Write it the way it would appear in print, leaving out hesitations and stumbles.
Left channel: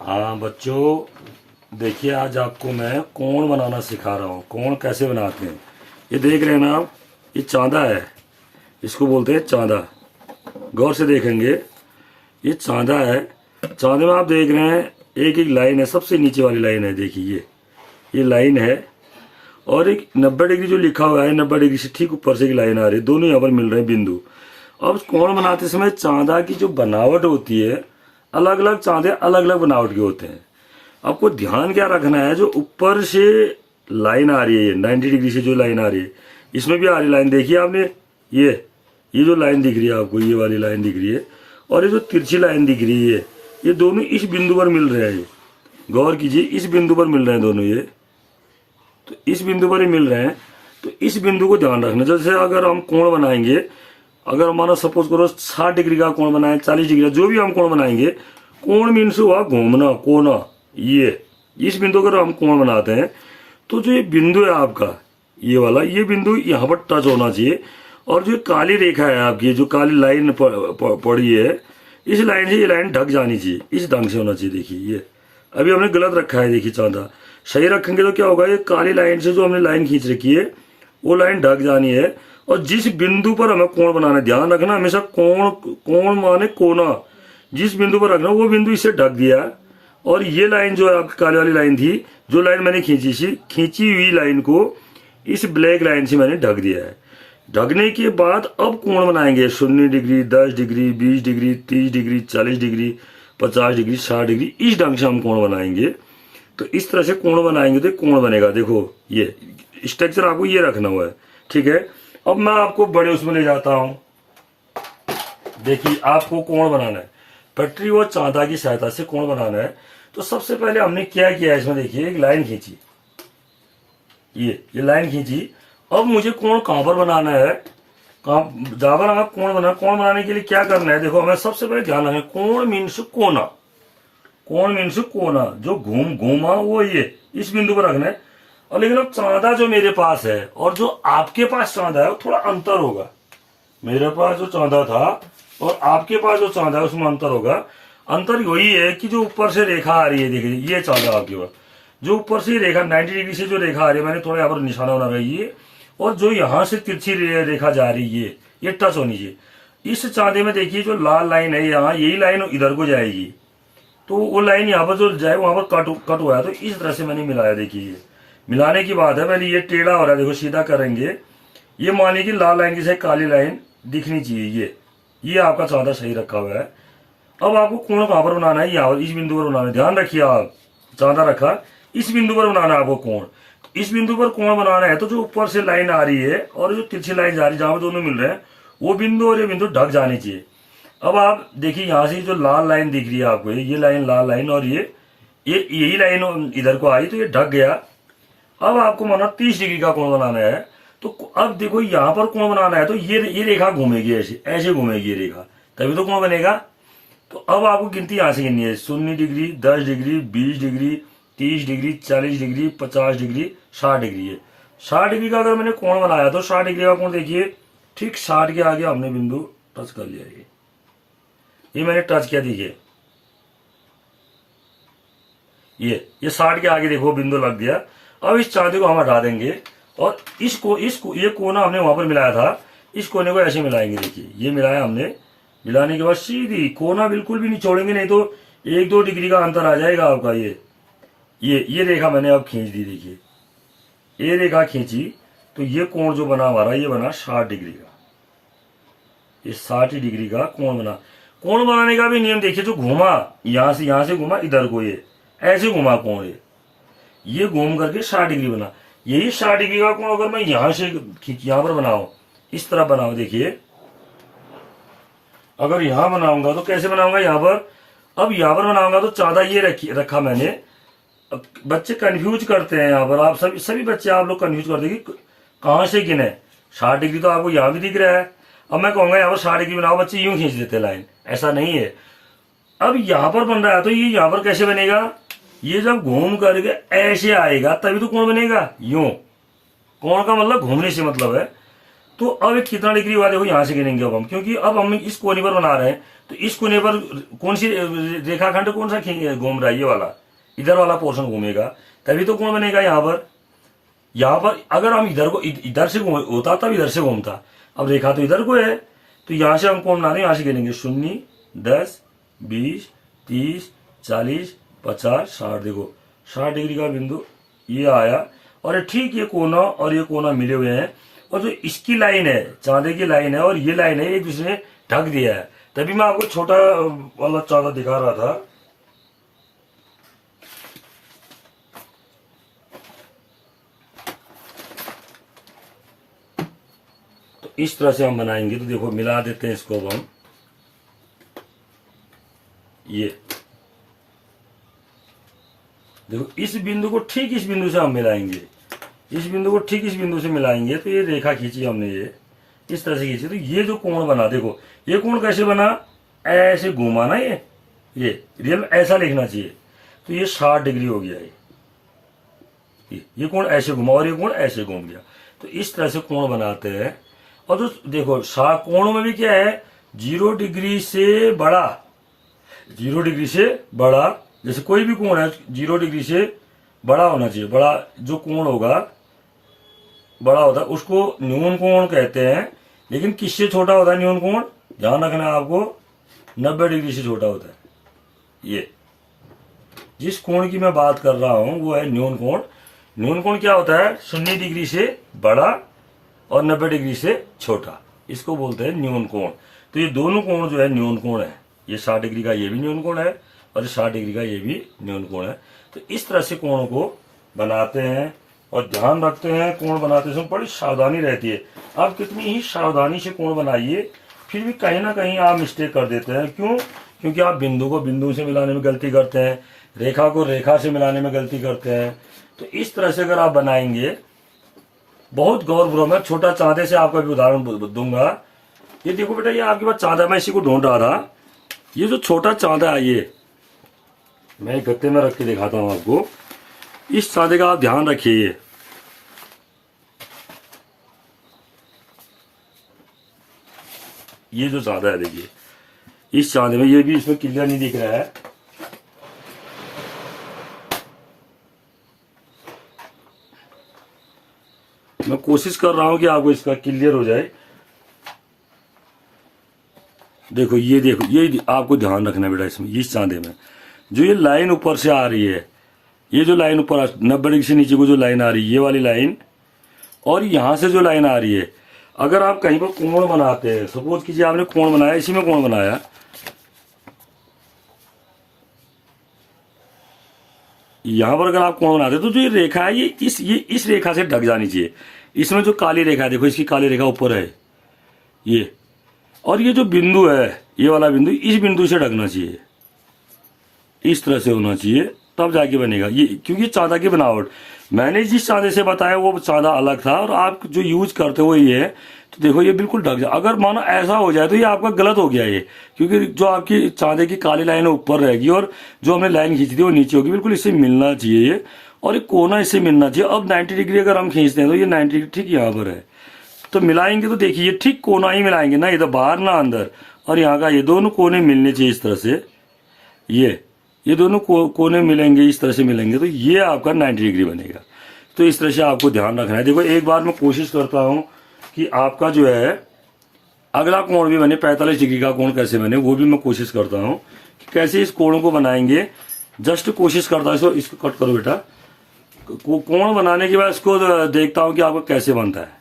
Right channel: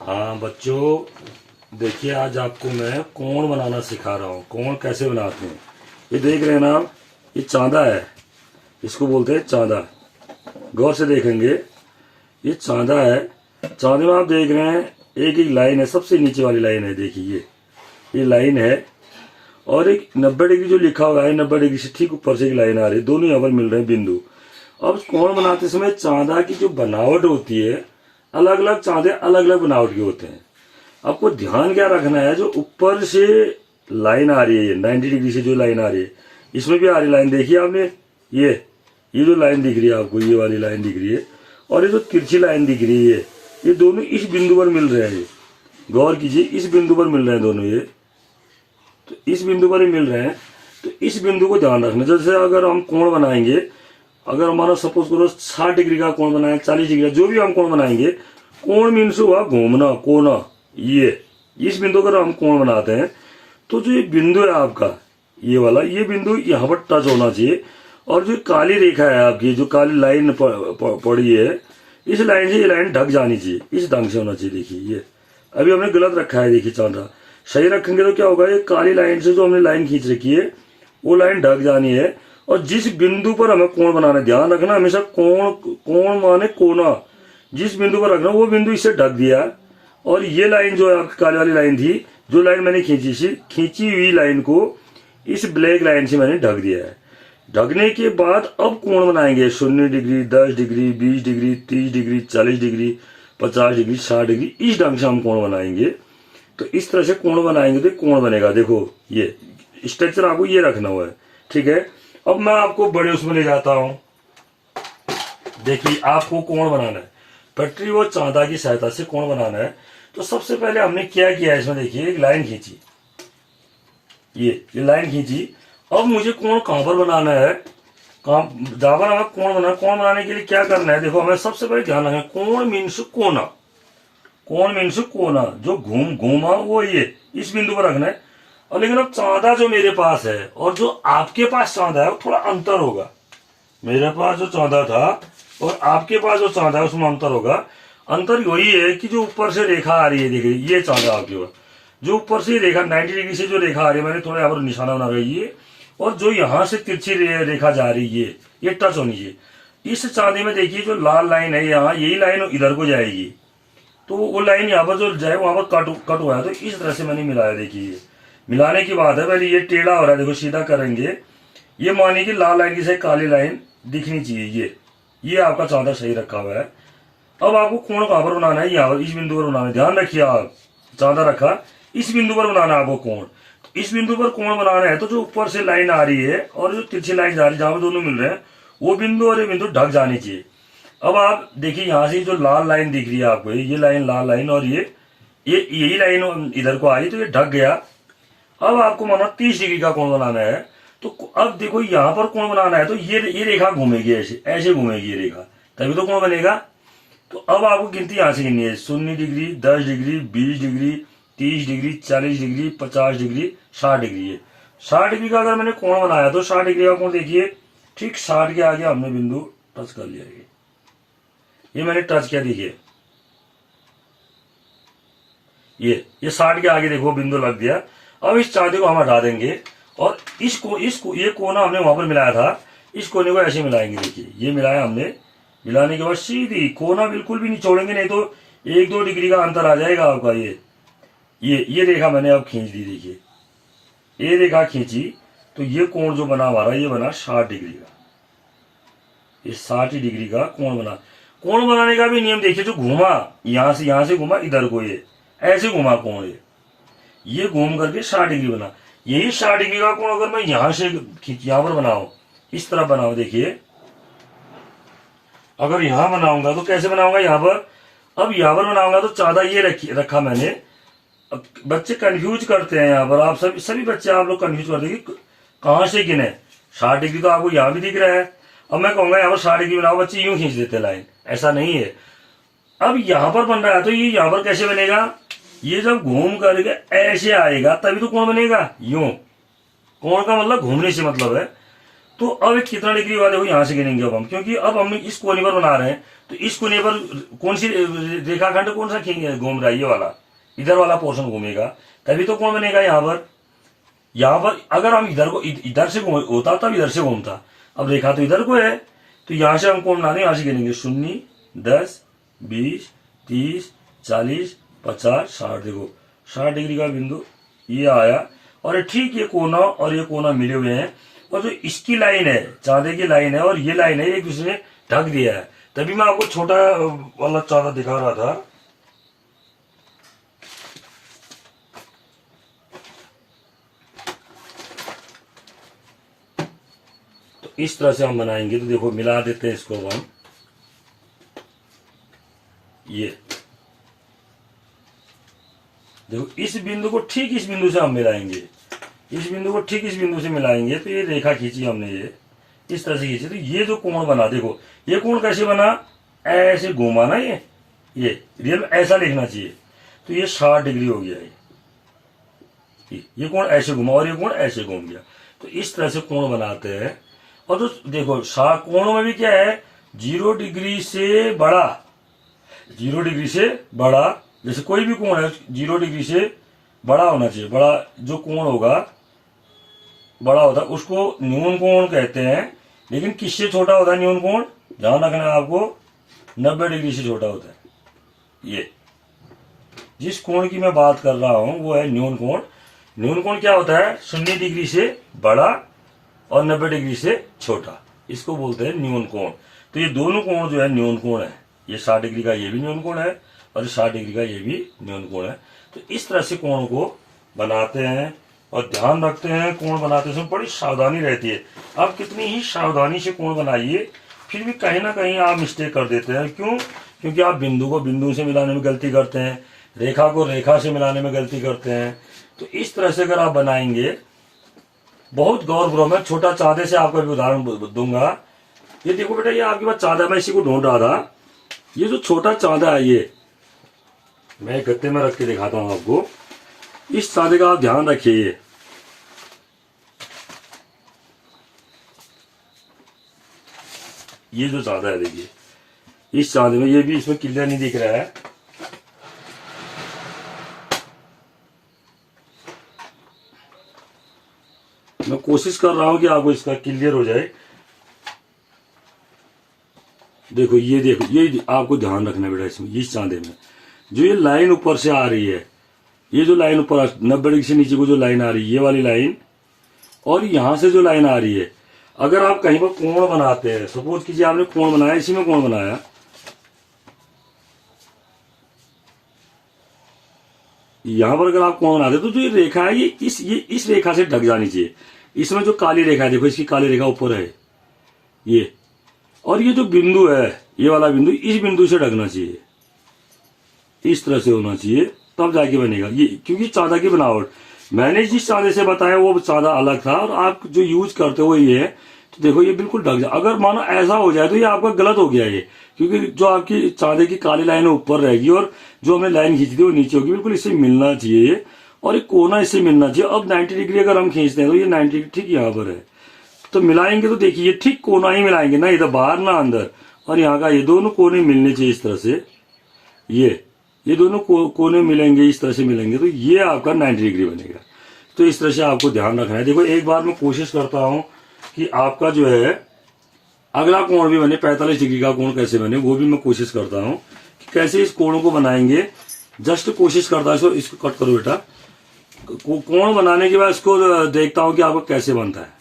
हाँ बच्चों, देखिए आज आपको मैं कोण बनाना सिखा रहा हूँ। कोण कैसे बनाते हैं ये देख रहे हैं ना आप। ये चांदा है, इसको बोलते हैं चांदा। गौर से देखेंगे, ये चांदा है। चांदे में आप देख रहे हैं एक एक लाइन है, सबसे नीचे वाली लाइन है, देखिए ये लाइन है। और एक 90 डिग्री जो लिखा हुआ है, 90 डिग्री से ठीक ऊपर से एक लाइन आ रही है, दोनों यहाँ पर मिल रहे हैं बिंदु। अब कोण बनाते समय चांदा की जो बनावट होती है, अलग अलग चांदे अलग अलग बनावट के होते हैं। आपको ध्यान क्या रखना है, जो ऊपर से लाइन आ रही है 90 डिग्री से जो लाइन आ रही है, इसमें भी आ रही लाइन देखिए आपने। ये जो लाइन दिख रही है आपको, ये वाली लाइन दिख रही है, और ये जो तिरछी लाइन दिख रही है, ये दोनों इस बिंदु पर मिल रहे हैं। ये गौर कीजिए, इस बिंदु पर मिल रहे हैं दोनों, ये तो इस बिंदु पर ही मिल रहे हैं। तो इस बिंदु को ध्यान रखना। जैसे अगर हम कोण बनाएंगे, अगर हमारा सपोज करो 60 डिग्री का कोण बनाए, 40 डिग्री का, जो भी हम कोण बनाएंगे, कोण मीन्स हुआ घूमना, कोना। ये इस बिंदु पर हम कोण बनाते हैं, तो जो ये बिंदु है आपका, ये वाला, ये बिंदु यहाँ पर टच होना चाहिए। और जो काली रेखा है आपकी, जो काली लाइन पड़ी है, इस लाइन से ये लाइन ढक जानी चाहिए, इस ढंग से होना चाहिए। देखिए ये अभी हमने गलत रखा है, देखिए चांदा सही रखेंगे तो क्या होगा, ये काली लाइन से जो हमने लाइन खींच रखी है, वो लाइन ढक जानी है। और जिस बिंदु पर हमें कोण बनाना है, ध्यान रखना हमेशा, कोण माने कोना, जिस बिंदु पर रखना वो बिंदु इससे ढक दिया। और ये लाइन जो है आपकी काली वाली लाइन थी, जो लाइन मैंने खींची हुई लाइन को इस ब्लैक लाइन से मैंने ढक दिया है। ढकने के बाद अब कोण बनाएंगे 0 degree, 10 degree, 20 degree, 30 degree, 40 degree, 50 degree, 60 degree, इस ढंग से हम कोण बनाएंगे। तो इस तरह से कोण बनाएंगे तो कोण बनेगा। देखो ये स्ट्रक्चर आपको ये रखना हुआ है, ठीक है। अब मैं आपको बड़े उसमें ले जाता हूं। देखिए आपको कोण बनाना है, पटरी और चांदा की सहायता से कोण बनाना है। तो सबसे पहले हमने क्या किया इसमें, देखिए एक लाइन खींची, ये लाइन खींची। अब मुझे कोण कहां पर बनाना है, जहां पर आप कोण बनाने के लिए क्या करना है, देखो हमें सबसे पहले ध्यान रखें, कोण मीन्स कोना। कोण मीन्स कोना, जो घूमा वो ये इस बिंदु पर रखना है। और लेकिन अब चांदा जो मेरे पास है और जो आपके पास चांदा है, वो थोड़ा अंतर होगा। मेरे पास जो चांदा था और आपके पास जो चांदा है, उसमें अंतर होगा। अंतर वही है कि जो ऊपर से रेखा आ रही है, देखिए ये चांदा आपके पास, जो ऊपर से रेखा 90 डिग्री से जो रेखा आ रही है, मैंने थोड़ा यहाँ पर निशाना बना रही है, और जो यहाँ से तिरछी रेखा जा रही है, ये टच होनी चाहिए। इस चांदे में देखिए जो लाल लाइन है यहाँ, यही लाइन इधर को जाएगी, तो वो लाइन यहाँ पर जो जाए वहां पर कट हुआ है। तो इस तरह से मैंने मिलाया, देखिए ये मिलाने की बात है। पहले ये टेढ़ा हो रहा है, देखो सीधा करेंगे, ये मानिए कि लाल लाइन की से काली लाइन दिखनी चाहिए। ये आपका चांदा सही रखा हुआ है। अब आपको कोण कहां पर बनाना है, यहाँ इस बिंदु पर बनाना है। ध्यान रखिए, आप चांदा रखा, इस बिंदु पर बनाना है आपको कोण। इस बिंदु पर कोण बनाना है तो जो ऊपर से लाइन आ रही है और जो तिरछी लाइन जा रही है, जहां पर दोनों मिल रहे हैं, वो बिंदु और ये बिंदु ढक जानी चाहिए। अब आप देखिए यहाँ से जो लाल लाइन दिख रही है आपको, ये लाइन लाल लाइन, और ये यही लाइन इधर को आई, तो ये ढक गया। अब आपको माना 30 डिग्री का कोण बनाना है। तो अब देखो यहाँ पर कोण बनाना है, तो ये रेखा घूमेगी, ऐसे घूमेगी ये रेखा, तभी तो कोण बनेगा। तो अब आपको गिनती यहां से गिननी है, 0 degree, 10 degree, 20 degree, 30 degree, 40 degree, 50 degree, 60 degree है। 60 डिग्री का अगर मैंने कोण बनाया तो 60 डिग्री का कोण देखिए, ठीक 60 के आगे हमने बिंदु टच कर लिया। ये मैंने टच किया, देखिए ये 60 के आगे देखो बिंदु लग गया। अब इस चांदे को हम हटा देंगे, और इसको ये कोना हमने वहां पर मिलाया था, इस कोने को ऐसे मिलाएंगे। देखिए ये मिलाया हमने, मिलाने के बाद सीधी कोना बिल्कुल भी नहीं छोड़ेंगे, नहीं तो 1-2 डिग्री का अंतर आ जाएगा आपका। ये रेखा मैंने अब खींच दी, देखिए ये रेखा खींची, तो ये कोण जो बना हमारा, ये बना 60 डिग्री का। ये 60 डिग्री का कोण बना। कोण बनाने का भी नियम देखिए, जो घूमा यहां से घूमा इधर को, ये ऐसे घुमा कोण, ये घूम करके 60 डिग्री बना। यही 60 डिग्री का कोण अगर मैं यहां पर बनाऊं, इस तरह बनाऊं, देखिए अगर यहां बनाऊंगा तो कैसे बनाऊंगा, यहां पर। अब यहां पर बनाऊंगा तो चांदा ये रखा मैंने। अब बच्चे कंफ्यूज करते हैं यहाँ पर, आप सभी बच्चे आप लोग कंफ्यूज करते हैं कि कहां से गिने। 60 डिग्री तो आपको यहाँ भी दिख रहा है। अब मैं कहूंगा यहाँ पर 60 डिग्री बनाओ, बच्चे यूं खींच देते लाइन, ऐसा नहीं है। अब यहां पर बन रहा है, तो ये यहां पर कैसे बनेगा, ये जब घूम करके ऐसे आएगा तभी तो कोण बनेगा। यूं, कोण का मतलब घूमने से मतलब है। तो अब कितना डिग्री हुआ देखो, यहां से गिनेंगे अब हम, क्योंकि अब हम इस कोने पर बना रहे हैं, तो इस कोने पर कौन सी रेखाखंड कौन सा घूम रहा है, ये वाला, इधर वाला पोर्शन घूमेगा, तभी तो कोण बनेगा। यहाँ पर अगर हम इधर को इधर से होता तब इधर से घूमता, अब रेखा तो इधर को है, तो यहां से हम कोण बना रहे हैं, यहां से गिनेंगे 0, 10, 20, 30, 40, 50, 60। देखो 60 डिग्री का बिंदु ये आया, और ठीक ये कोना और ये कोना मिले हुए हैं, और जो इसकी लाइन है, चांदे की लाइन है, और ये लाइन है, एक दूसरे ने ढक दिया है। तभी मैं आपको छोटा वाला चांदा दिखा रहा था। तो इस तरह से हम बनाएंगे। तो देखो मिला देते हैं इसको हम, ये देखो इस बिंदु को ठीक इस बिंदु से हम मिलाएंगे, इस बिंदु को ठीक इस बिंदु से मिलाएंगे, तो ये रेखा खींची हमने, ये इस तरह से खींची, तो ये जो कोण बना, देखो ये कोण कैसे बना, ऐसे घूमा ना, ये रियल में ऐसा लिखना चाहिए, तो ये 60 डिग्री हो गया। ये कोण ऐसे घूमा और ये कोण ऐसे घूम गया, तो इस तरह से कोण बनाते हैं। और तो देखो कोणों में भी क्या है, 0 डिग्री से बड़ा, 0 डिग्री से बड़ा, जैसे कोई भी कोण है 0 डिग्री से बड़ा होना चाहिए। बड़ा जो कोण होगा बड़ा होता है उसको न्यून कोण कहते हैं। लेकिन किससे छोटा होता है न्यून कोण, ध्यान रखना है आपको, 90 डिग्री से छोटा होता है। ये जिस कोण की मैं बात कर रहा हूं वो है न्यून कोण। न्यून कोण क्या होता है, 0 डिग्री से बड़ा और 90 डिग्री से छोटा, इसको बोलते हैं न्यून कोण। तो ये दोनों कोण जो है न्यून कोण है, ये 60 डिग्री का ये भी न्यून कोण है, और 60 डिग्री का ये भी न्यून कोण है। तो इस तरह से कोण को बनाते हैं, और ध्यान रखते हैं कोण बनाते समय बड़ी सावधानी रहती है। आप कितनी ही सावधानी से कोण बनाइए, फिर भी कहीं ना कहीं आप मिस्टेक कर देते हैं। क्यों? क्योंकि आप बिंदु को बिंदु से मिलाने में गलती करते हैं, रेखा को रेखा से मिलाने में गलती करते हैं। तो इस तरह से अगर आप बनाएंगे, बहुत गौर, मैं छोटा चांदे से आपका भी उदाहरण दूंगा। ये देखो बेटा, ये आपके पास चांदा, मैं इसी को ढूंढ रहा था। ये जो छोटा चांदा है, ये मैं गत्ते में रख के दिखाता हूं आपको। इस चांदे का आप ध्यान रखिए, ये जो चांदा है, देखिए इस चांदे में, ये भी इसमें क्लियर नहीं दिख रहा है। मैं कोशिश कर रहा हूं कि आपको इसका क्लियर हो जाए। देखो ये आपको ध्यान रखना बेटा, इसमें इस चांदे में जो ये लाइन ऊपर से आ रही है, ये जो लाइन ऊपर 90 डिग्री से नीचे को जो लाइन आ रही है, ये वाली लाइन, और यहां से जो लाइन आ रही है, अगर आप कहीं पर कोण बनाते हैं, सपोज कीजिए आपने कोण बनाया, इसी में कोण बनाया, यहां पर अगर आप कोण बनाते तो जो ये रेखा है, ये इस रेखा से ढक जानी चाहिए। इसमें जो काली रेखा है, देखो इसकी काली रेखा ऊपर है ये, और ये जो बिंदु है, ये वाला बिंदु, इस बिंदु से ढकना चाहिए, इस तरह से होना चाहिए, तब जाके बनेगा ये। क्योंकि चांदा की बनावट, मैंने जिस चांदे से बताया वो चांदा अलग था, और आप जो यूज करते हो ये है। तो देखो ये बिल्कुल ढक जाए। अगर मानो ऐसा हो जाए तो ये आपका गलत हो गया ये, क्योंकि जो आपकी चांदे की काली लाइन है ऊपर रहेगी, और जो हमने लाइन खींची थी वो नीचे होगी। बिल्कुल इससे मिलना चाहिए, और ये कोना इससे मिलना चाहिए। अब 90 डिग्री अगर हम खींचते हैं तो ये 90 डिग्री ठीक यहाँ पर है, तो मिलाएंगे तो देखिए ठीक कोना ही मिलाएंगे, ना इधर बाहर ना अंदर। और यहाँ का ये दोनों कोने मिलने चाहिए इस तरह से, ये दोनों कोने मिलेंगे, इस तरह से मिलेंगे, तो ये आपका 90 डिग्री बनेगा। तो इस तरह से आपको ध्यान रखना है। देखो एक बार मैं कोशिश करता हूं कि आपका जो है अगला कोण भी बने, 45 डिग्री का कोण कैसे बने, वो भी मैं कोशिश करता हूं कि कैसे इस कोणों को बनाएंगे। जस्ट कोशिश करता हूं, इसको कट करो बेटा। कोण बनाने के बाद इसको देखता हूं कि आपका कैसे बनता है।